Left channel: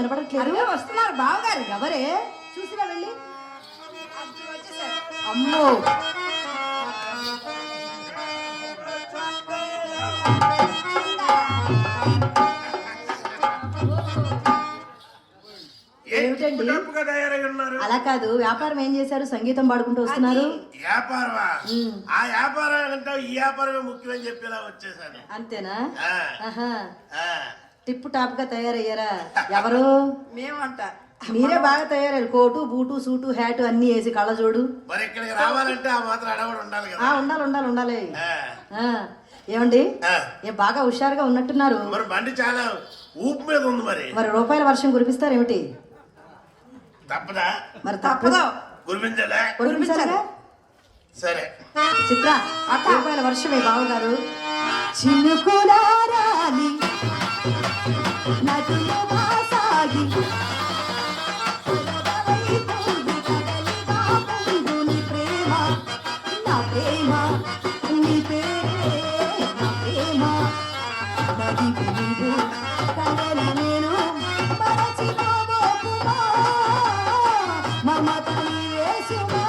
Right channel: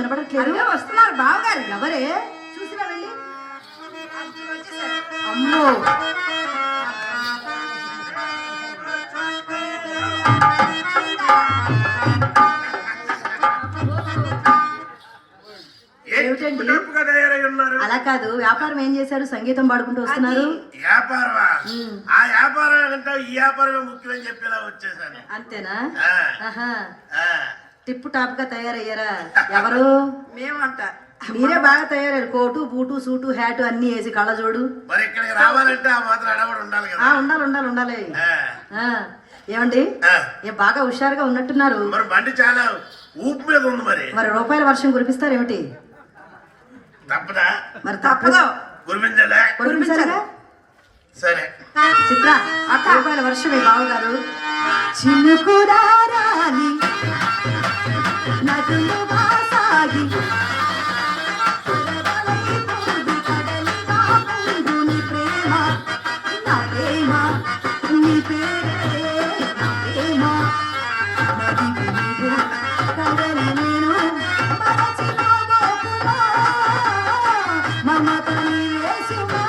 వినపడట్లేదు. వస్తున్నారు బావగారు. ఎవరే? చూసినా వెళ్ళి. అమ్మో, ఏమిటండి అలా కాదు, వ్యాపారం ఏం చేశారు? సంగీతం పాడుకుంటూ వస్తున్నారు. వ్యాపారమా? ఆ వ్యాపారం అంటే ఈ వ్యాపారమే ముఖ్యమని చెప్పేలా వచ్చేసాను. అంతేనా? టిప్ టాప్ గా తయారయ్యారా? ఎవరు? మేమంట. మీరే బాగా తయారయ్యారు. కోటు బూటు సూటు హ్యాటు అన్ని వేసి కళ్ళజోడు. మరి ఇక్కడికి రావాలంటే ఆ మాత్రం అడగడం ఉండాలి కదా. ఉండాలి ఉండాలి ఉండాలి. ఏమండి, ఏ బాగా హుషారుగా ఉన్నట్టున్నారు. మరి బండి చాలా ఊపు మీద ఉంది. మరి రూపాయల వర్షం కురిపిస్తారేమిటి? తప్పదా? మరి తప్పదు. కురిపించాలా? సరే చిత్ర, రూపాయల వర్షమే బావగారు. చినుకులారాలి నదులుగా సాగి ప్రేమ నా ప్రేమ నీ పేరే నా ప్రేమ కడలి నేను మమతని వేసుమా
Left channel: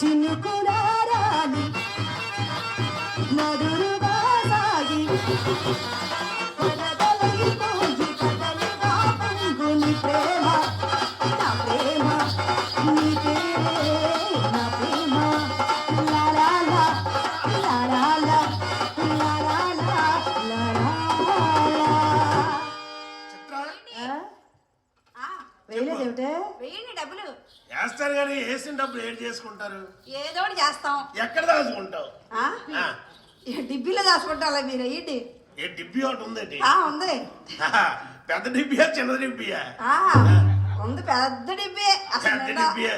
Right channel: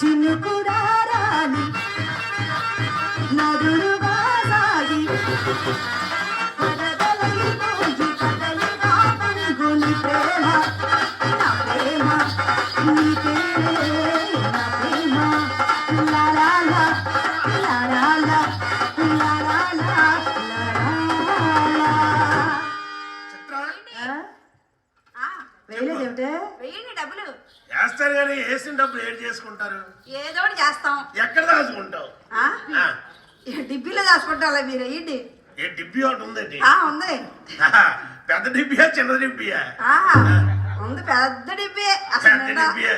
చినుకులారాలి నదులుగా సాగి ప్రేమ నా ప్రేమ నీ పేరే నా ప్రేమ లా లా లా లా లా లా లా లా లా లా. వేయలేదేమిటే? వెయ్యండి డబ్బులు. వేస్తారు కానీ వేసిన డబ్బులు ఏం చేసుకుంటారు? ఏదో ఒకటి చేస్తాం. ఎక్కడ దాచుకుంటావు? డిబ్బీలో దాచుకుంటారా మీరు? వేయండి. ఏ డిబ్బి ఒకటి ఉందండి? ఉంది. పెద్ద డిబ్బియా చిన్న డిబ్బియా? ఉంది, పెద్ద డిబ్బే. పెద్ద డిబ్బియా.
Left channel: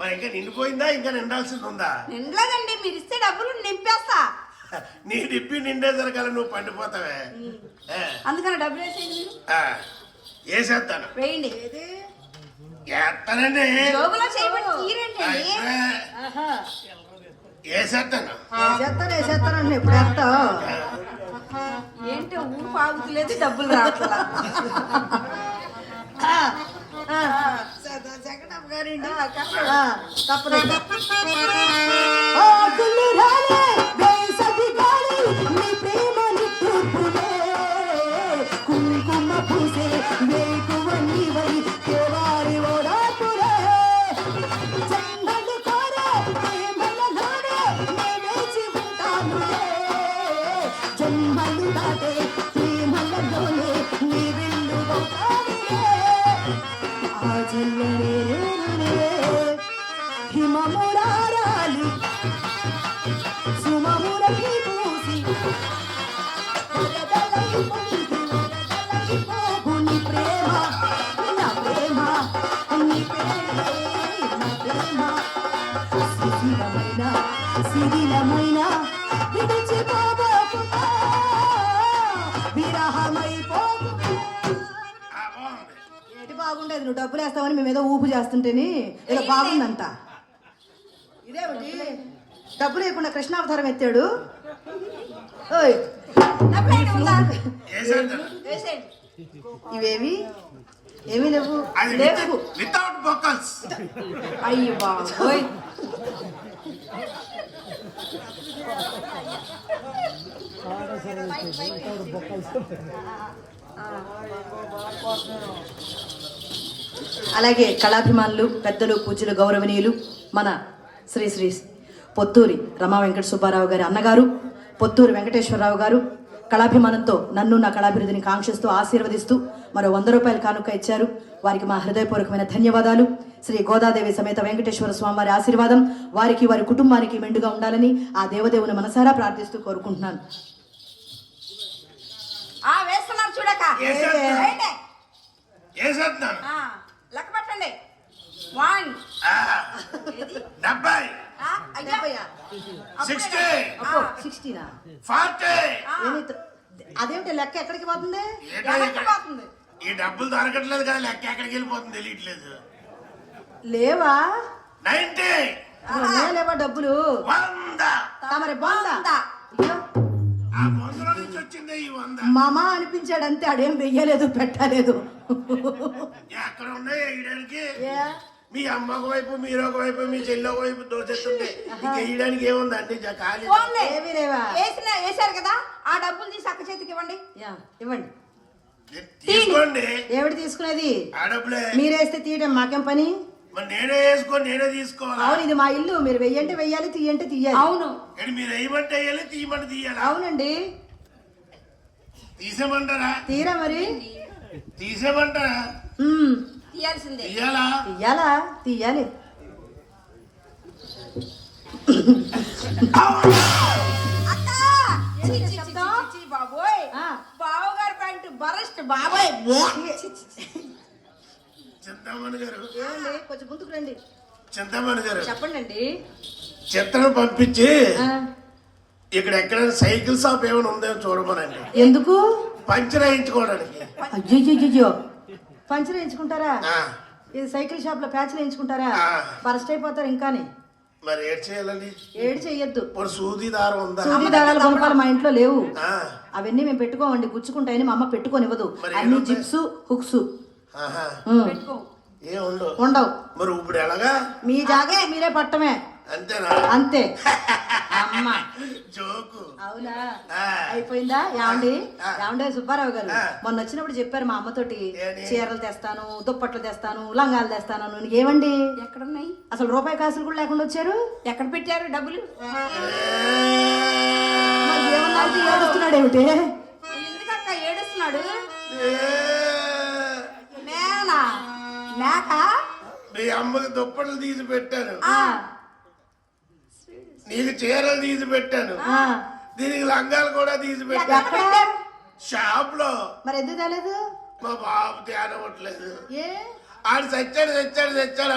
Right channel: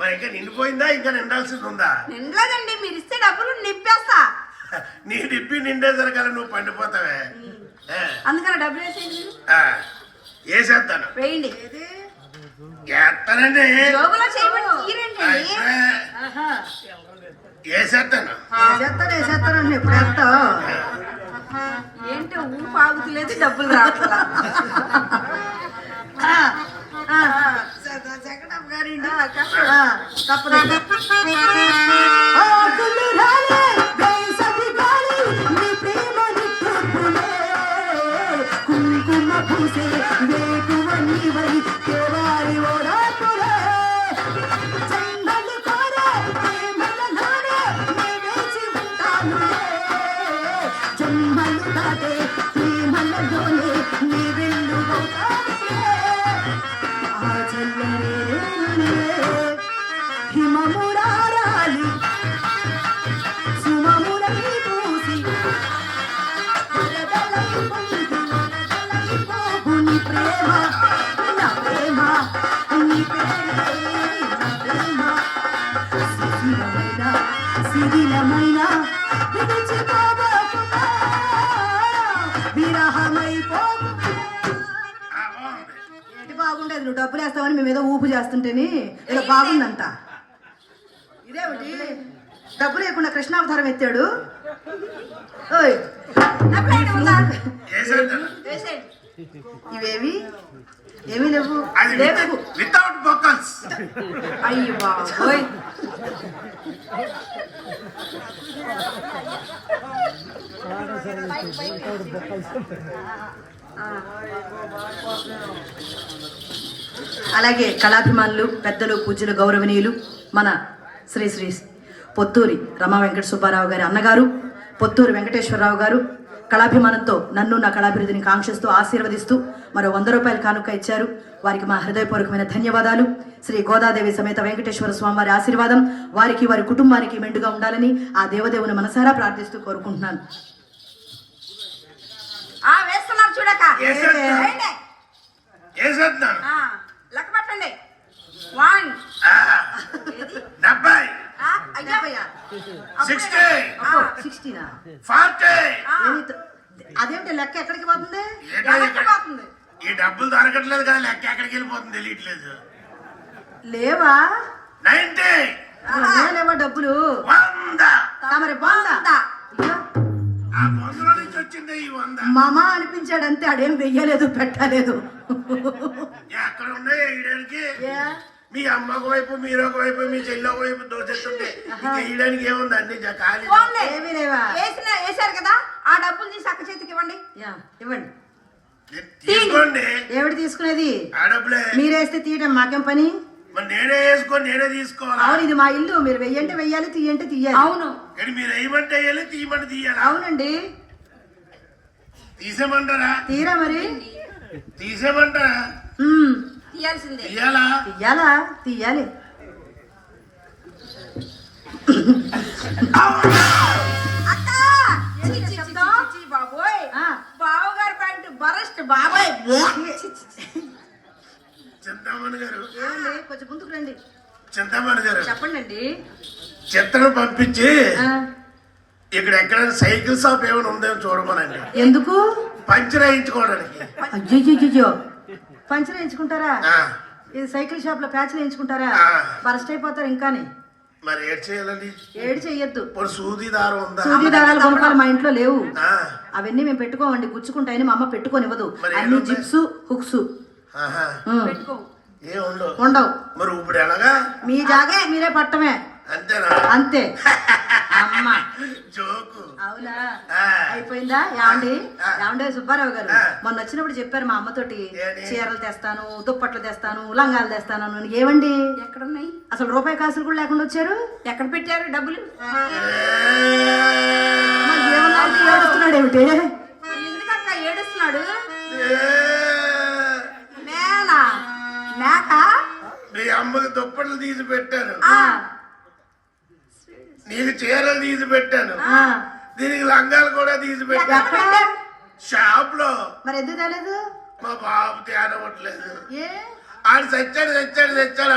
మరి ఇంకా నిండిపోయిందా? ఇంకా నిండాల్సింది ఉందా? నిండలేదండి, మీరు ఇస్తే డబ్బులు నింపేస్తా. నీ డిబ్బి నిండేసరికల్లా నువ్వు పండిపోతావే. అందుకని డబ్బులు వేసేయండి. వేసేస్తాను. వేయండి. వేస్తానండి. జోబులో చేయబడి తీరండి. వేసేస్తాను. వేసేస్తానండి. ఎప్పుడు వేస్తావు? ఏంటో ఊపు ఆగుతలేదు, డబ్బులు రావట్లా. తప్పదు. కుంకుమ పూసే వేకువ నీవై కేవారి ఓరాకులే జంగలు కోరే ప్రేమలలోనే నే వేచి ఉంటానులే జన్మలు దాటే ప్రేమలలోనే నీ వెన్నువవుతానులే ఆ జల్లరే హిమమురారాలి సుమమురై పూసి ప్రేమ నా ప్రేమ నీ పేరే నా ప్రేమ శిథిలమైన శిథిలమైన విడిచిపోబోతున్నా విరహమైపోతున్నా. ఏంటి బాగుండేది? నువ్వు డబ్బులు వేస్తావని మేము ఏదో ఊపు చేస్తుంటేని ఏదో బాగుందంట. ఇదేమిటి? డబ్బులు లేకుండా కృష్ణావతారం ఎత్తాడు. ఓయ్, ఇవేమి ఏమీ లేవు. లేవు. వితౌట్ బొక్కల్స్. అయ్యో బాబోయ్. అలాగే కళాభిమానులు, పెద్దలు, పూజ్యులు, గౌరవనీయులు మన శ్రీ శ్రీ పొత్తూరి రమా వెంకట సుబ్బారావు గారి అన్నగారు, పొత్తూరి వెంకటేశ్వరరావు గారు కళాభిమానంతో నన్ను నా కళాభివృద్ధిని కాంక్షిస్తూ ఆశీర్వదిస్తూ మరో 100 రూపాయల కానుక ఇచ్చారు. వారికి మా హృదయపూర్వకమైన ధన్యవాదాలు. శ్రీ గోదాదేవి సమేత వెంకటేశ్వర స్వామి వారి ఆశీర్వాదం వారికి వారి కుటుంబానికి మెండుగా ఉండాలని ఆ దేవదేవుని మనసారా ప్రార్థిస్తూ కోరుకుంటున్నాను. చూడక లెక్క పెట్టండి. 1 70 60 60 40. అదేంటి లెక్క ఎక్కడికి పోతుంది? ఈ డబ్బులు దొరకట్లేదు కదా, లెక్క ఎక్కడికి వెళ్ళిపోతుంది తెలియట్లేదు. లేవా? 90 లేవా డబ్బులు? 100. తమరి 100 ఆ 100 నుంచి వచ్చింది అంటే ఈ 100 మామ అనిపించాడు అంతే, ఆడేం వెయ్యలేదు పెట్టలేదు. ఎక్కడ ఉన్నాయి వేయడానికి? ఏ? మీ అమ్మకు వైపు, మీరు ఒక వైపు, మీ చెల్లి ఒక వైపు దోచేస్తుంటే ఇంకా వేయడానికి ఏముంది అండి? ఖాళీ పోన్లే. ఏమీ లేవా? వేసారు కదా, ఆ డబ్బులు తీసి అక్క చేతికి ఇవ్వండి. యా, ఇవ్వండి. తీసుకోండి. ఏమిటి తీసుకునేది? ఆ డబ్బులే. మీరేస్తే తీయడం మాకేం పని? మరి నేనే వేసుకొని నేనే తీసుకోవాలి. అవును, ఇది మా ఇల్లు. మీరు వెయ్యంటే వెయ్యాలి, తీయంటే తీయాలి. అవును, కానీ మీరు వేయమంటే వేయాలి, తీయమంటే తీయాలి. అవునండి. తీసేమంటారా? తీరా మరి. తీసేమంటారా? ఉమ్, తీయాల్సిందే. తీయాలా? తీయాలా? తీయాలి. అక్క చి, చి, చి, చి, చి, బాబోయ్, ఆ. బావగారు ప్యాంటు బరస్ట్ బాబోయ్. చింతామణి గారు, ఏమండి, కొంచెం ముందుకు రండి. చింతామణి గారు, చెప్పండి అండి. చిత్రం పంపించి ఆ, ఇక్కడ ఎక్కడైనా సైకిల్ షాప్ ఏమైనా ఉందేమో చూడమనండి. ఎందుకు? పంచర్ వేయించుకోవడానికి. అయ్యో, పంచర్ వేయించుకుంటారా? ఆ, ఇది సైకిల్ షాప్ లో ప్యాచ్లు వేయించుకుంటారా? ఆ. బరస్ట్ అయిపోతారు ఇంకాని. మరి ఏడ్ చేయాలండి? ఏడు చెయ్యొద్దు. ఇప్పుడు సూది దారం ఉందా? సూది దారాలు కొనుక్కోవాలి, మా ఇంట్లో లేవు. ఆ, అవన్నీ మేము పెట్టుకోమండి, గుచ్చుకుంటాయని మా అమ్మ పెట్టుకోనివ్వదు. మరి అన్ని ఏముంటాయి? జిప్స్, హుక్స్ ఆహా. పెట్టుకో. ఏం ఉండవు. ఉండవు. మరి ఇప్పుడు ఎలాగా? మీ జాగే మీరే పట్టమే, అంతేనా? అంతే. అమ్మ, జోకు. అవునా? ఆ. అయిపోయిందా? యాండి ఆ. యాండే సుబ్బారావు గారు ఆ. మొన్న వచ్చినప్పుడు చెప్పారు మా అమ్మతోటి, ఏని? చీరలు తెస్తాను, దుప్పట్లు తెస్తాను, లంగాలు తెస్తాను అని. ఏమండి, ఎక్కడున్నాయి? అసలు రూపాయి కాసులు కూడా లేకుండా వచ్చారు. ఎక్కడ పెట్టారు డబ్బులు? మరి ఏమన్నాడు? ఏడుస్తున్నాడు ఏమిటి? ఎందుకక్క ఏడుస్తున్నాడు? ఏ, నేనా? మేక? మీ అమ్మకి దుప్పట్లు తీసి పెట్టాను, ఆ, నీకు చీరలు తీసి పెట్టాను, ఆ. దీనికి లంగాలు కూడా తీసి పెట్టాను. ఎక్కడ పెట్టారు? షాప్ లో. మరి ఎందుకు తేలేదు? మా బాబు తేనవట్లేదు. ఏ? ఆడు చచ్చాడు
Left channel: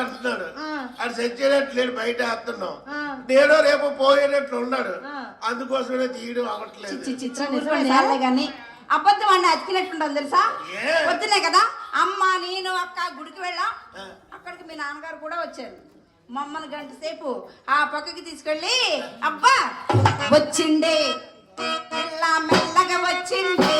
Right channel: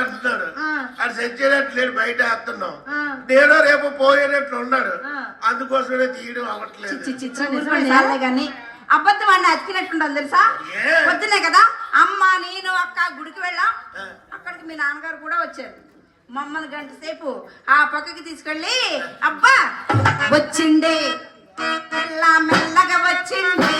అంటున్నాడు. ఆ. ఆడు చచ్చేటట్లేడు, బయట వేస్తున్నాం. ఆ. నేను రేపు పోయేటట్లు ఉన్నాడు, ఆ. అందుకోసమే తీయడం అవ్వట్లేదు. చిత్రం ఊరుకోండి సార్లే గాని అబద్ధం అన్న అతికినట్టుండాలి తెలుసా? ఏ? పొద్దునే కదా అమ్మ, నేను, అక్క గుడికి వెళ్ళాం. ఆ. అక్కడికి మీ నాన్నగారు కూడా వచ్చారు. మమ్మల్ని గంట సేపు ఆ పక్కకి తీసుకెళ్ళి, అబ్బా వచ్చిండే, మెల్ల మెల్లగా వచ్చిండే,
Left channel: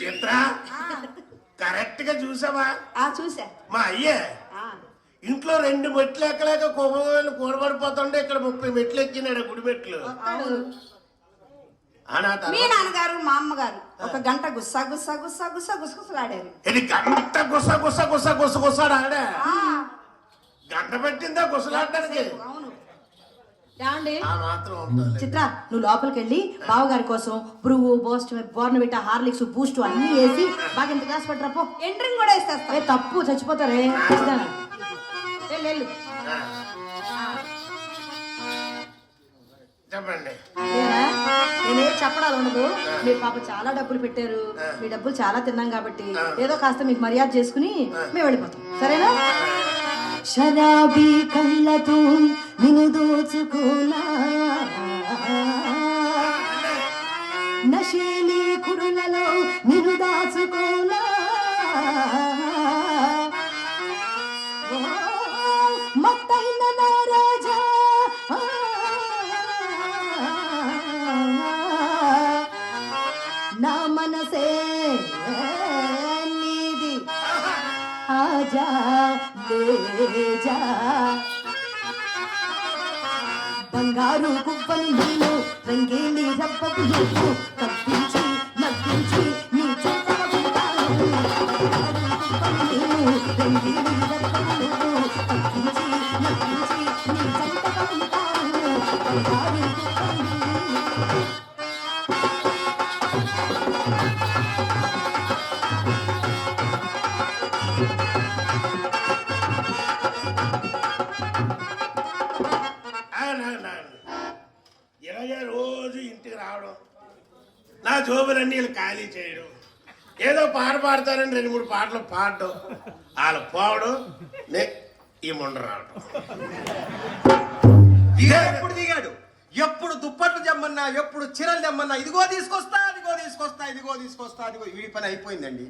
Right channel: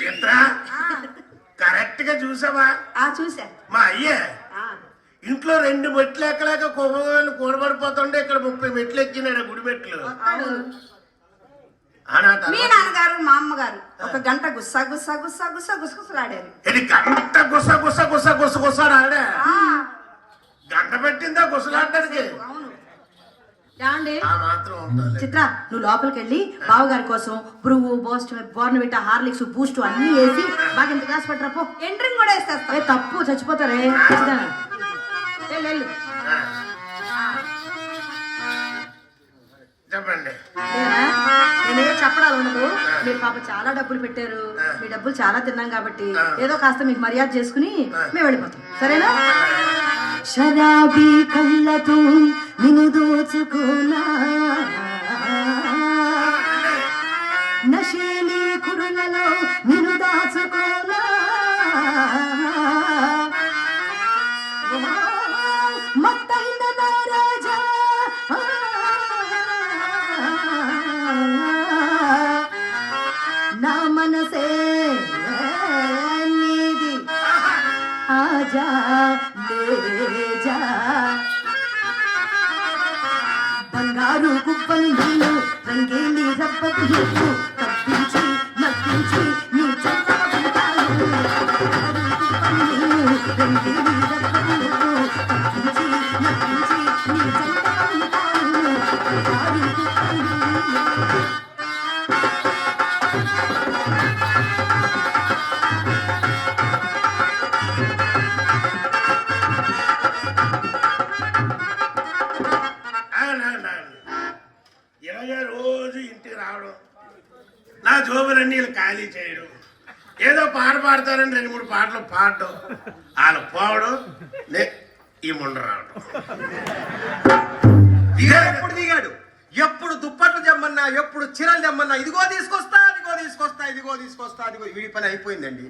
చిత్ర, కరెక్ట్ గా చూసావా? చూసా. మా అయ్యే ఇంట్లో 2 మెట్లు ఎక్కలేక కొమ్మలు కూడబడిపోతుంటే ఇక్కడ 30 మెట్లు ఎక్కినాడు, గుడి మెట్లు. మీ నాన్నగారు మా అమ్మగారు ఒక గంట గుస్సా గుస్సా గుస్సా గుస్సా గుసగుసలాడారు. ఇది గంట గుసగుసలాడా? గంట పెట్టిందా గుసలాడడానికి? అవును. యాండి ఆ మాత్రం ఉండాలి. చిత్ర, నువ్వు లోపలికి వెళ్ళి బావగారి కోసం బ్రువు, బోస్ట్, బోర్నవిటా, హార్లిక్స్, బూస్ట్ అన్ని వేసి బాగా ఇంత గ్లాస్ పట్టరా పో. ఎంట్రింగ్ కూడా వేసేస్తా. ఏ, తప్పు, చచ్చిపోతారే. ఖచ్చితంగా. వెళ్ళు. చెప్పండి. ఏనా? నేనేం చెప్పడాలు ఉండదు. మీరు పాప చాలా డబ్బులు పెట్టారు, మీ డబ్బులు చాలా తిన్నాం కాబట్టి ఏదో కాస్త మీకు మర్యాద చేసుకుని మేము వెళ్ళిపోతాం, సరేనా? శరాబీ కళ్ళతో నిన్ను దోచుకోనా, నశేలి కురులలో నిన్ను దాచుకోనా, మత్తైన నా రాజా, నా మనసే నీది, ఆజా లేజా, బంగారు కుప్పలు నీళ్ళు, రంగేలి రబ్బకు నీళ్ళు, కప్పించి నప్పించి నీ చెత్త ఉంటాను. బంగారు కుప్పలు నీళ్ళు, రంగేలి రబ్బకు నీళ్ళు, కప్పించి నప్పించి నీ చెత్త ఉంటాను. బంగారు కుప్పలు నీళ్ళు. ఇలాగే రోజు ఇంటికి రావడం, నా జోబులన్నీ ఖాళీ చేయడం, ఏదో పాట పాడతారని 2-3 పాటలు పాడటం వాళ్ళు పోవడం ఈ ముండ రావడం. ఎప్పుడు దిగాడు, ఎప్పుడు దుప్పట్లు తెమ్మన్నా, ఎప్పుడు చీరలు తెమ్మన్నా, ఇదిగో తీసుకొస్తా, ఇదిగో తీసుకొస్తా, ఇదిగో తీసుకొస్తా, అదిగో. వీడి పని అయిపోయిందండి.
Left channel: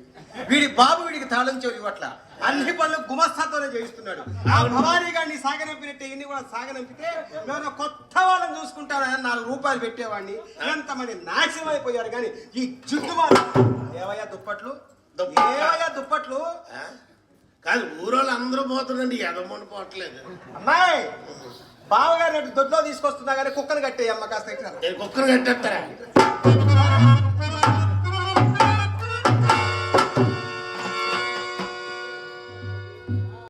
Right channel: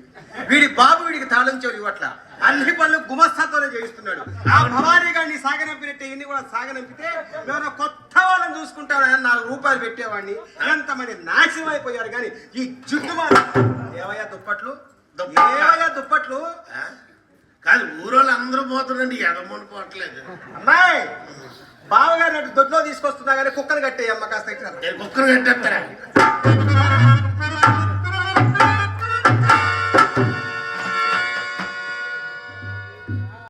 వీడి బాబు వీడికి తాళం చెవి ఇవ్వట్ల, అన్ని పనులు గుమస్తాతోనే చేయిస్తున్నాడు. ఆ భవానీ గారిని సాగనంపినట్టే ఇన్ని కూడా సాగనంపితే నేను కొత్త వాళ్ళని చూసుకుంటానని 4 రూపాయలు పెట్టేవాడిని. ఎంతమంది నాశనం అయిపోయారు. కానీ ఈ జుట్టు ఏవయ్యా దుప్పట్లు, ఏవయ్యా దుప్పట్లు. కాదు ఊరోళ్ళు అందరూ పోతుందండి, ఎదమని పోవట్లేదు. అమ్మాయి బావగారు దొడ్లో తీసుకొస్తున్నా కానీ కుక్కలు కట్టే అమ్మ కాస్త కుక్కలు కట్టేస్తారా?